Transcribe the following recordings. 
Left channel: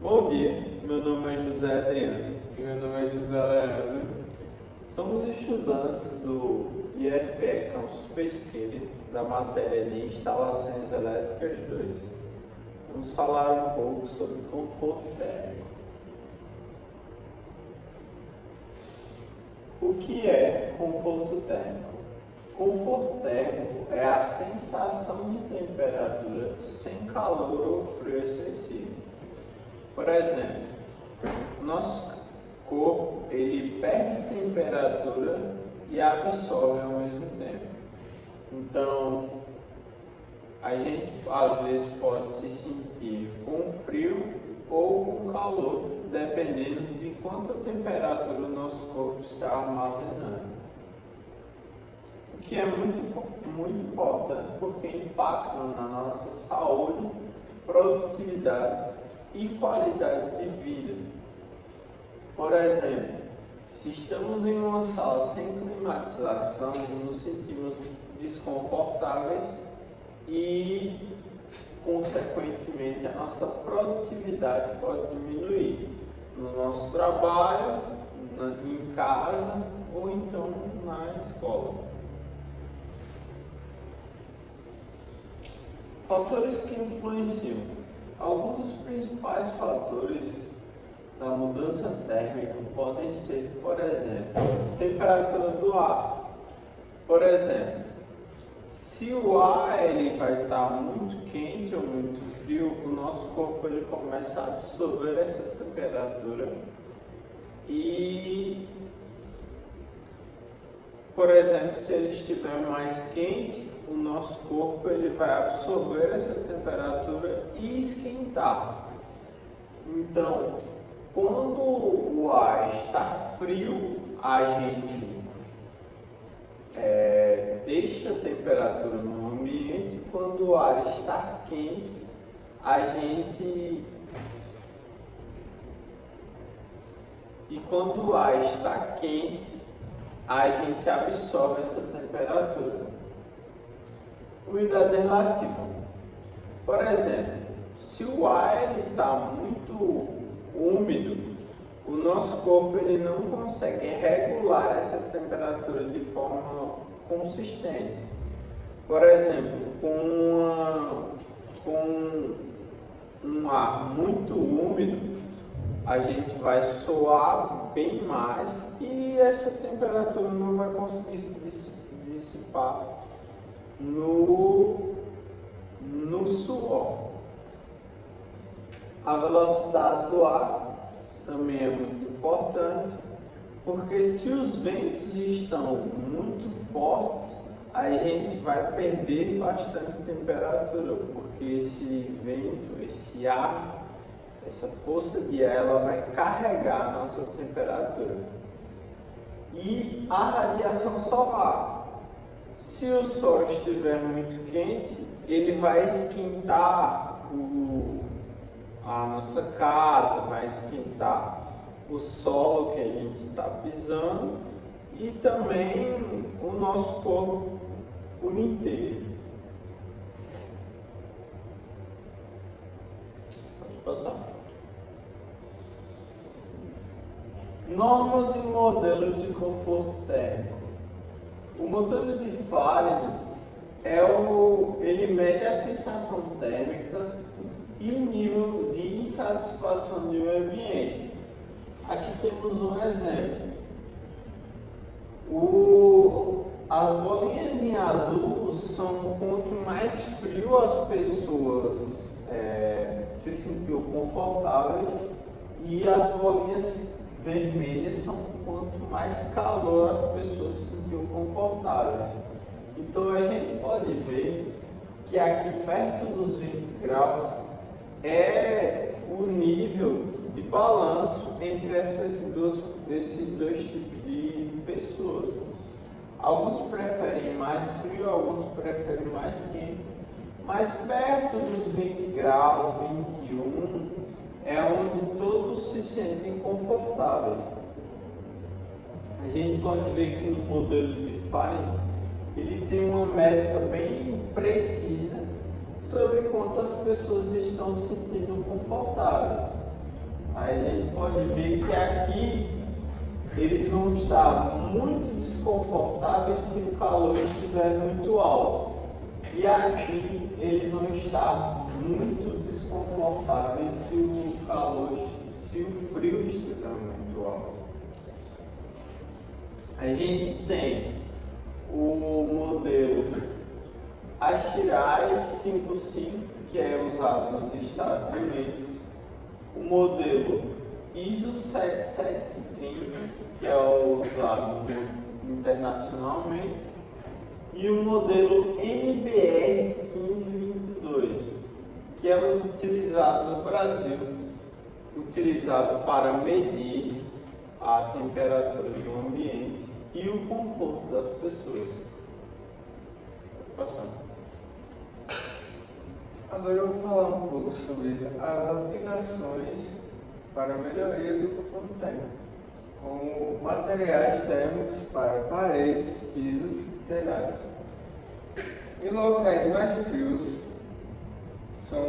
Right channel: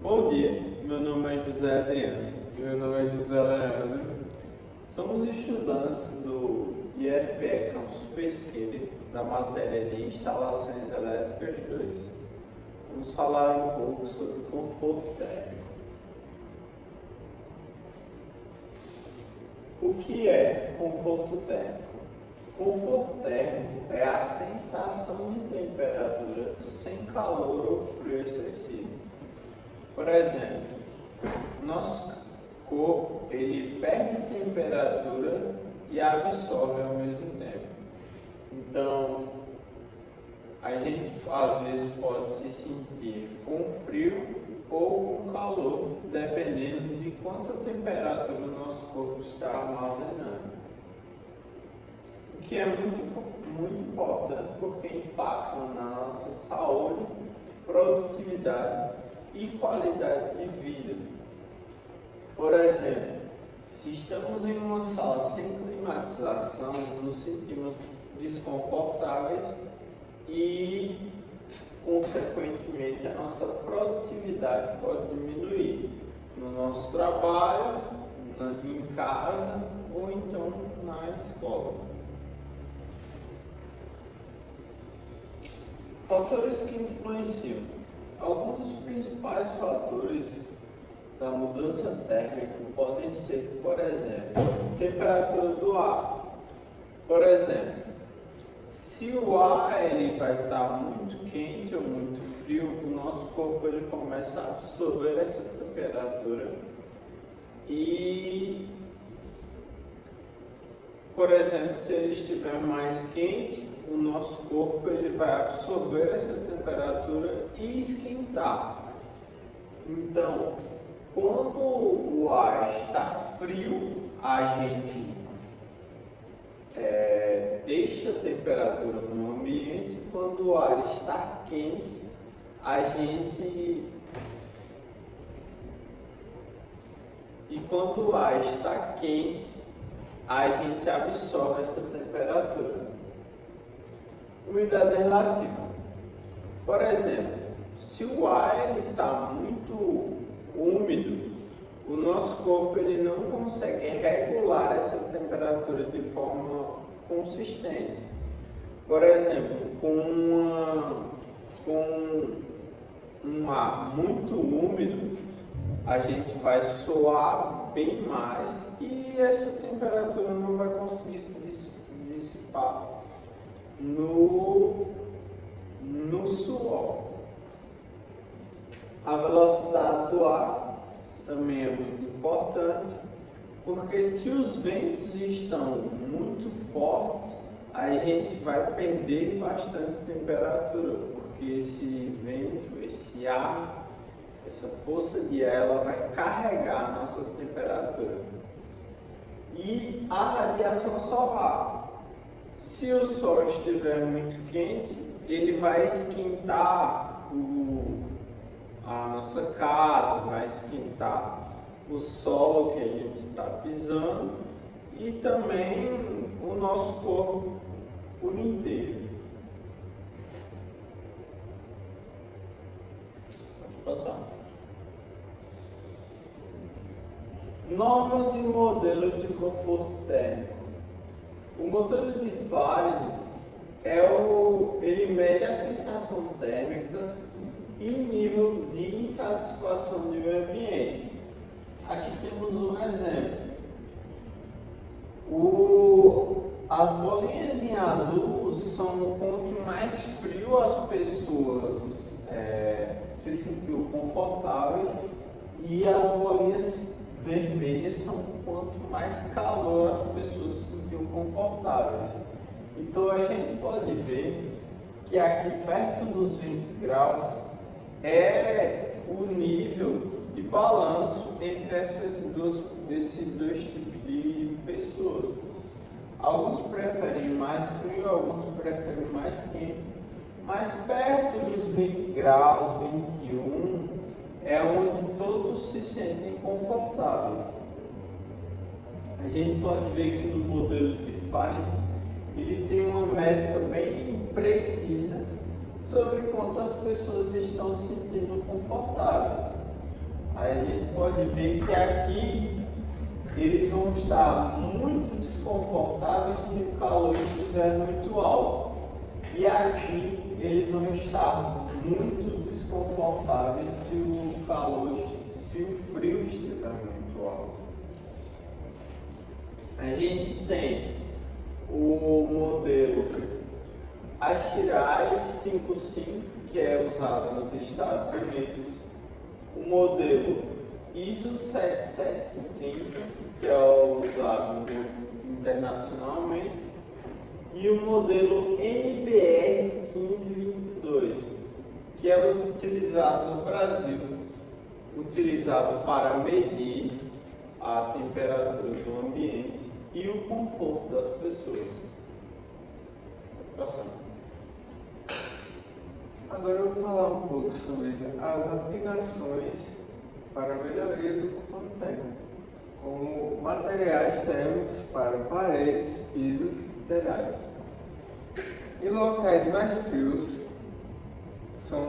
Bom dia, meu nome é José Adriano. Meu nome é José Leandro. Somos estudantes do IFPE Campus Pesqueira, da matéria de Instalações Elétricas 2. Vamos falar um pouco sobre conforto térmico. O que é conforto térmico? Conforto térmico é a sensação de temperatura sem calor ou frio excessivo. Por exemplo, nosso corpo ele perde temperatura e absorve ao mesmo tempo. Então, a gente às vezes pode se sentir com frio ou com calor, dependendo de quanta temperatura o nosso corpo está armazenando. O que é muito importante porque impacta na nossa saúde, produtividade e qualidade de vida. Por exemplo, se estamos em uma sala sem climatização, nos sentimos desconfortáveis e, consequentemente, a nossa produtividade pode diminuir no nosso trabalho, em casa ou então na escola. Fatores que influenciam. Alguns dos principais fatores da mudança térmica podem ser, por exemplo, a temperatura do ar. Por exemplo, se o ar ele vai estar muito quente ou muito frio, o nosso corpo ele começa a absorver essa temperatura e, por exemplo, se ele estiver mais quente, o nosso corpo ele vai absorver essa temperatura e esquentar. Então, quando o ar está frio, a gente deixa a temperatura no ambiente. Quando o ar está quente, a gente absorve essa temperatura. Umidade relativa. Por exemplo, se o ar está muito úmido, o nosso corpo ele não consegue regular essa temperatura de forma consistente. Por exemplo, com um ar muito úmido, a gente vai suar bem mais e essa temperatura não vai conseguir se dissipar no suor. A velocidade do ar também é muito importante, porque se os ventos estão muito fortes, a gente vai perder bastante temperatura, porque esse vento, esse ar, essa força de ar, ela vai carregar a nossa temperatura. E a radiação solar. Se o sol estiver muito quente, ele vai esquentar a nossa casa, vai esquentar o solo que a gente está pisando e também o nosso corpo por inteiro. Pode passar. Normas e modelos de conforto térmico. O modelo de Fahrenheit ele mede a sensação térmica e o nível de insatisfação do meio ambiente. Aqui temos um exemplo. As bolinhas em azul são quanto mais frio as pessoas se sentiram confortáveis, e as bolinhas vermelhas são quanto mais calor as pessoas se sentiram confortáveis. Então a gente pode ver que aqui perto dos 20 graus é o nível de balanço entre esses dois tipos de pessoas. Alguns preferem mais frio, alguns preferem mais quente, mas perto dos 20 graus, 21, é onde todos se sentem confortáveis. A gente pode ver que no modelo de Fahrenheit ele tem uma métrica bem precisa sobre quantas pessoas estão se sentindo confortáveis. Aí a gente pode ver que aqui eles vão estar muito desconfortáveis se o calor estiver muito alto. E aqui eles vão estar muito desconfortáveis se o frio estiver muito alto. A gente tem o modelo Astirai 55, que é usado nos Estados Unidos, o modelo ISO 7730, que é usado internacionalmente, e o modelo NBR 1522, que é utilizado no Brasil, utilizado para medir a temperatura do ambiente e o conforto das pessoas. Passando. Agora eu vou falar um pouco sobre as aplicações para a melhoria do conforto térmico, como materiais térmicos para paredes, pisos e telhados. Em locais mais frios, são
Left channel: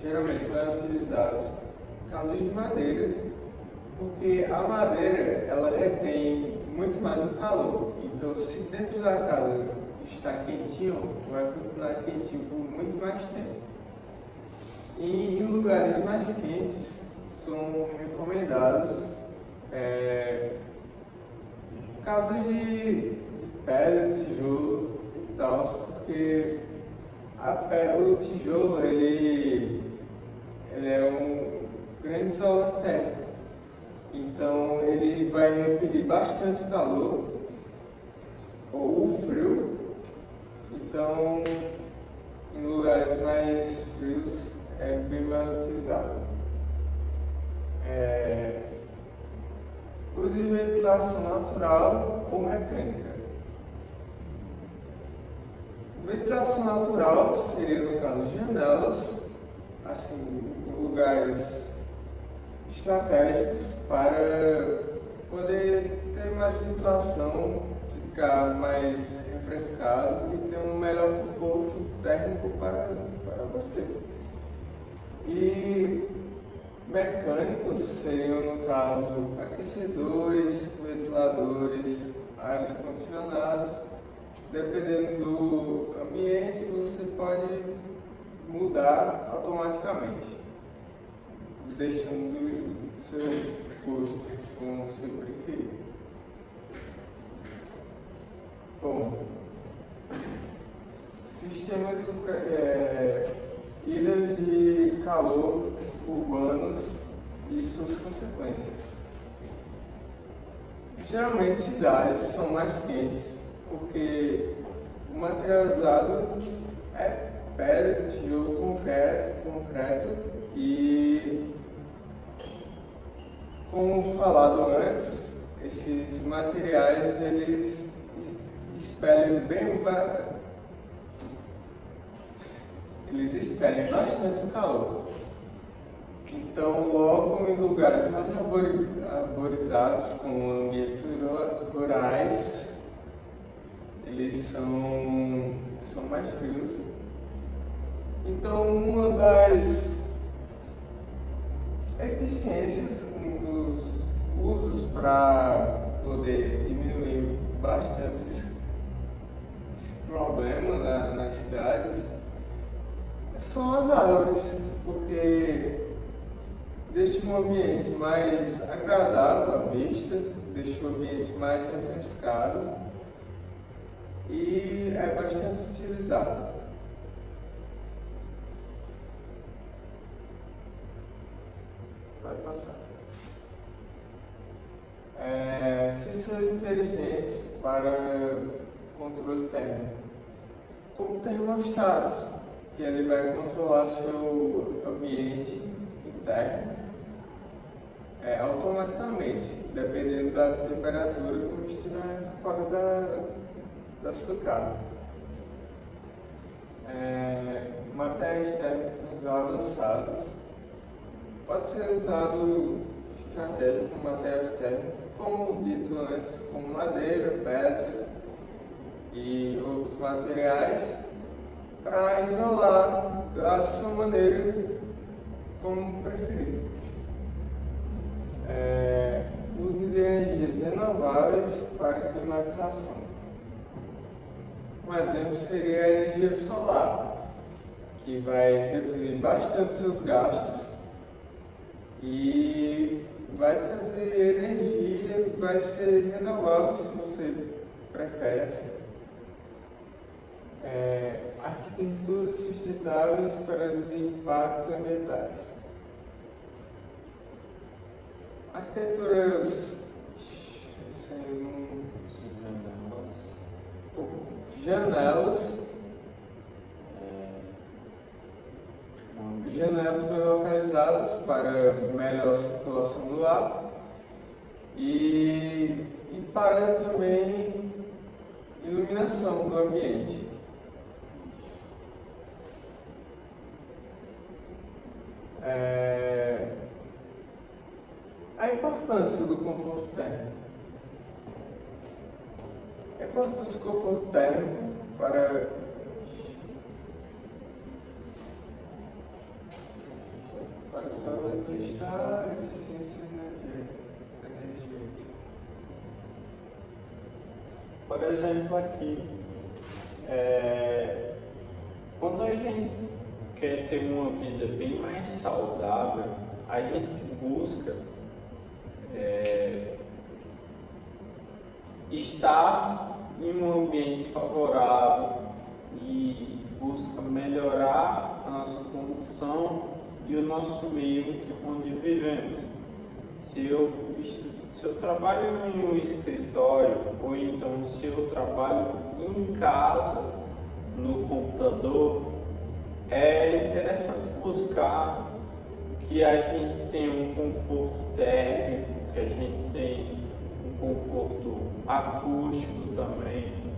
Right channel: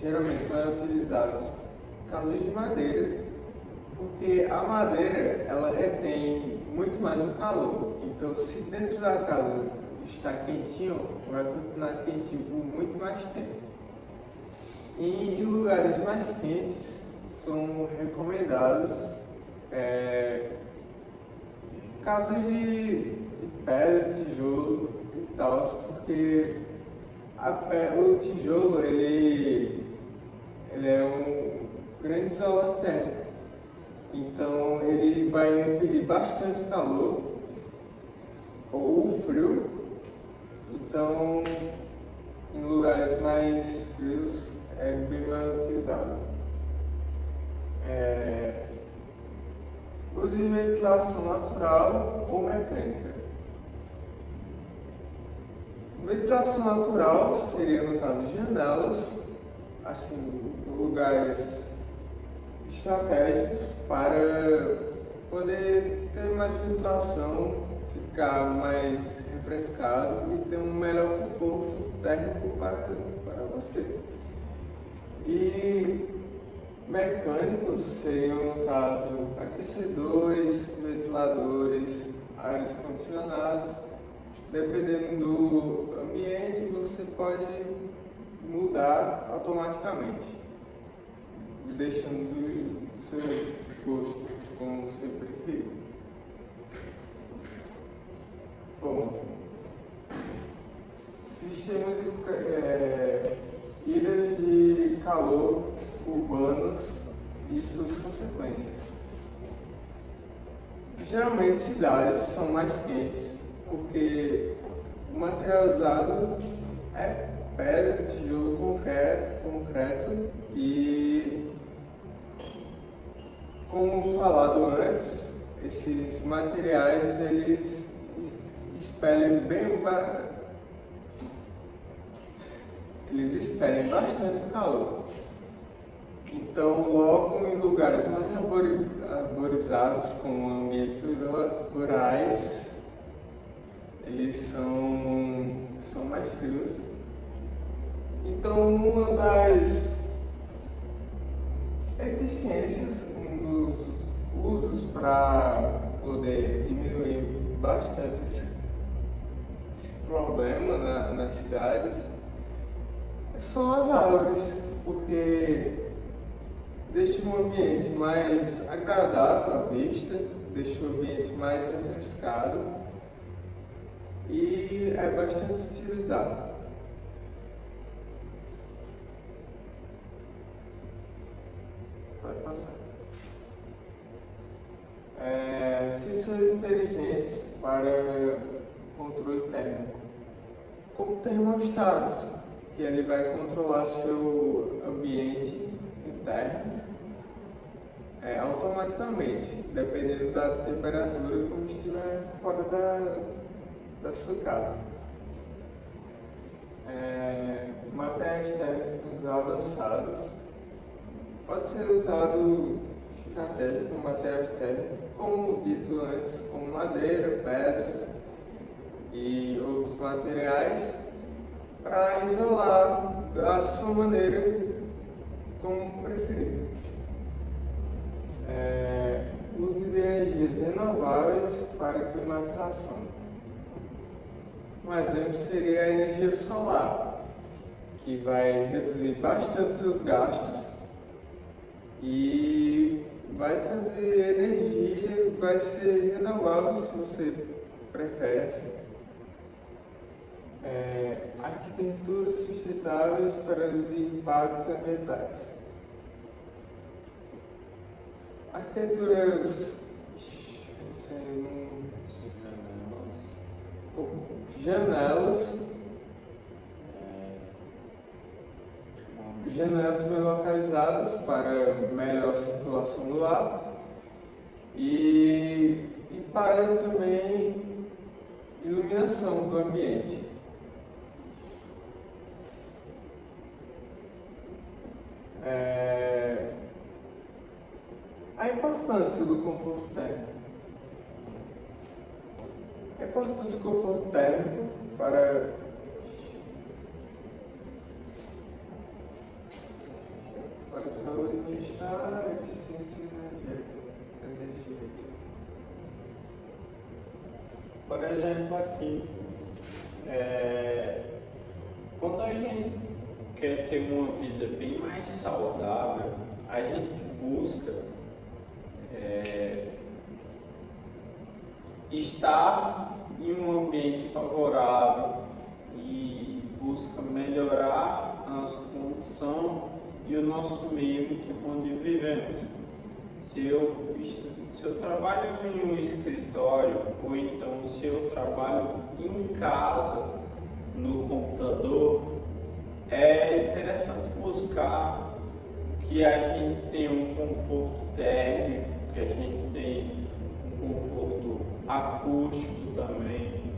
geralmente mais utilizados casas de madeira, porque a madeira ela retém muito mais o calor. Então, se dentro da casa está quentinho, vai continuar quentinho por muito mais tempo. E em lugares mais quentes são recomendados casas de pedra, tijolo e tal, porque o tijolo ele é um grande isolante térmico. Então ele vai repelir bastante calor ou frio. Então, em lugares mais frios é bem mais utilizado. Use ventilação natural ou mecânica. Ventilação natural seria, no caso, janelas, assim, em lugares estratégicos para poder ter mais ventilação, ficar mais refrescado e ter um melhor conforto térmico para você. E mecânicos seriam, no caso, aquecedores, ventiladores, ares condicionados. Dependendo do ambiente, você pode mudar automaticamente, deixando o seu gosto como você preferir. Bom, sistemas ilhas de calor urbanos e suas consequências. Geralmente cidades são mais quentes, porque o material usado é pedra, tijolo, concreto e, como falado antes, esses materiais eles expelem bastante calor. Então, logo em lugares mais arborizados, como ambientes rurais, eles são mais frios. Então, uma das eficiências, um dos usos para poder diminuir bastante esse problema nas cidades são as árvores, porque deixa um ambiente mais agradável à vista, deixa o ambiente mais refrescado e é bastante utilizado. Vai passar. Sensores inteligentes para controle térmico, como termostatos, que ele vai controlar seu ambiente interno automaticamente, dependendo da temperatura como estiver fora da sua casa. Materiais térmicos avançados. Pode ser usado estratégico com materiais térmicos, como dito antes, como madeira, pedras e outros materiais, para isolar da sua maneira como preferir. painéis para climatização. Um exemplo seria a energia solar, que vai reduzir bastante seus gastos e vai trazer energia, vai ser renovável se você prefere assim. Arquiteturas sustentáveis para reduzir impactos ambientais. Arquiteturas janelas bem localizadas para melhor circulação do ar e para também iluminação do ambiente. A importância do conforto térmico. A importância do conforto térmico para a saúde e bem-estar, eficiência energética. Por exemplo, aqui, quando a gente quer ter uma vida bem mais saudável, a gente busca estar em um ambiente favorável e busca melhorar a nossa condição e o nosso meio onde vivemos. Se eu trabalho em um escritório, ou então se eu trabalho em casa, no computador, é interessante buscar que a gente tenha um conforto térmico, que a gente tenha um conforto acústico também,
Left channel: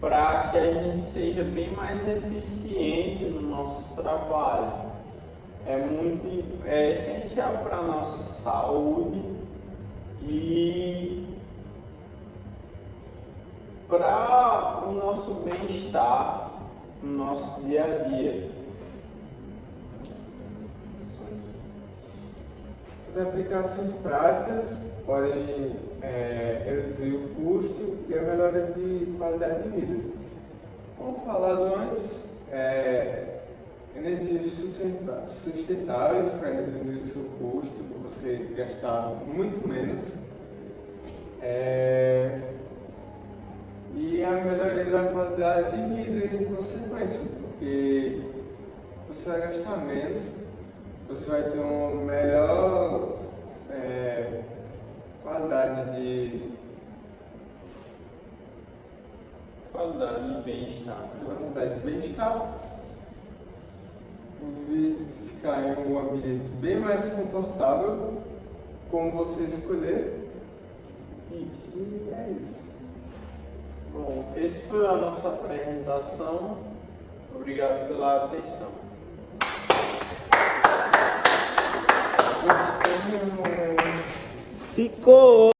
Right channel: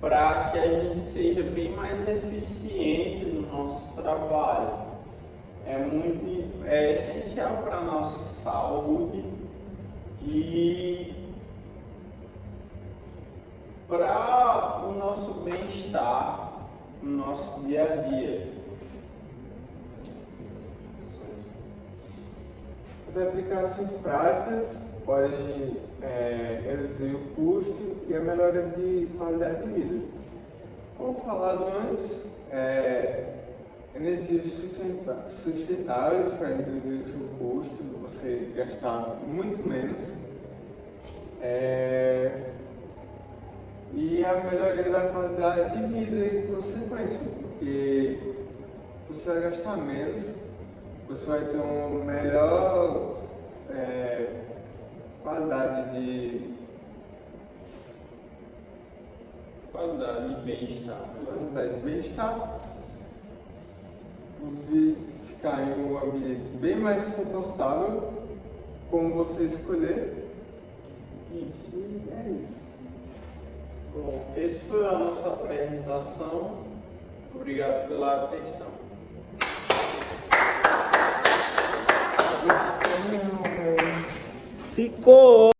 para que a gente seja bem mais eficiente no nosso trabalho. É essencial para a nossa saúde e para o nosso bem-estar no nosso dia a dia. As aplicações práticas podem reduzir o custo e a melhora de qualidade de vida. Como falado antes, energias sustentáveis para reduzir o seu custo, você gastar muito menos. E a melhoria da qualidade de vida em consequência, porque você vai gastar menos, você vai ter uma melhor qualidade de bem-estar. Ficar em um ambiente bem mais confortável, como você escolher. E é isso. Bom, essa foi a nossa apresentação. Obrigado pela atenção. Ficou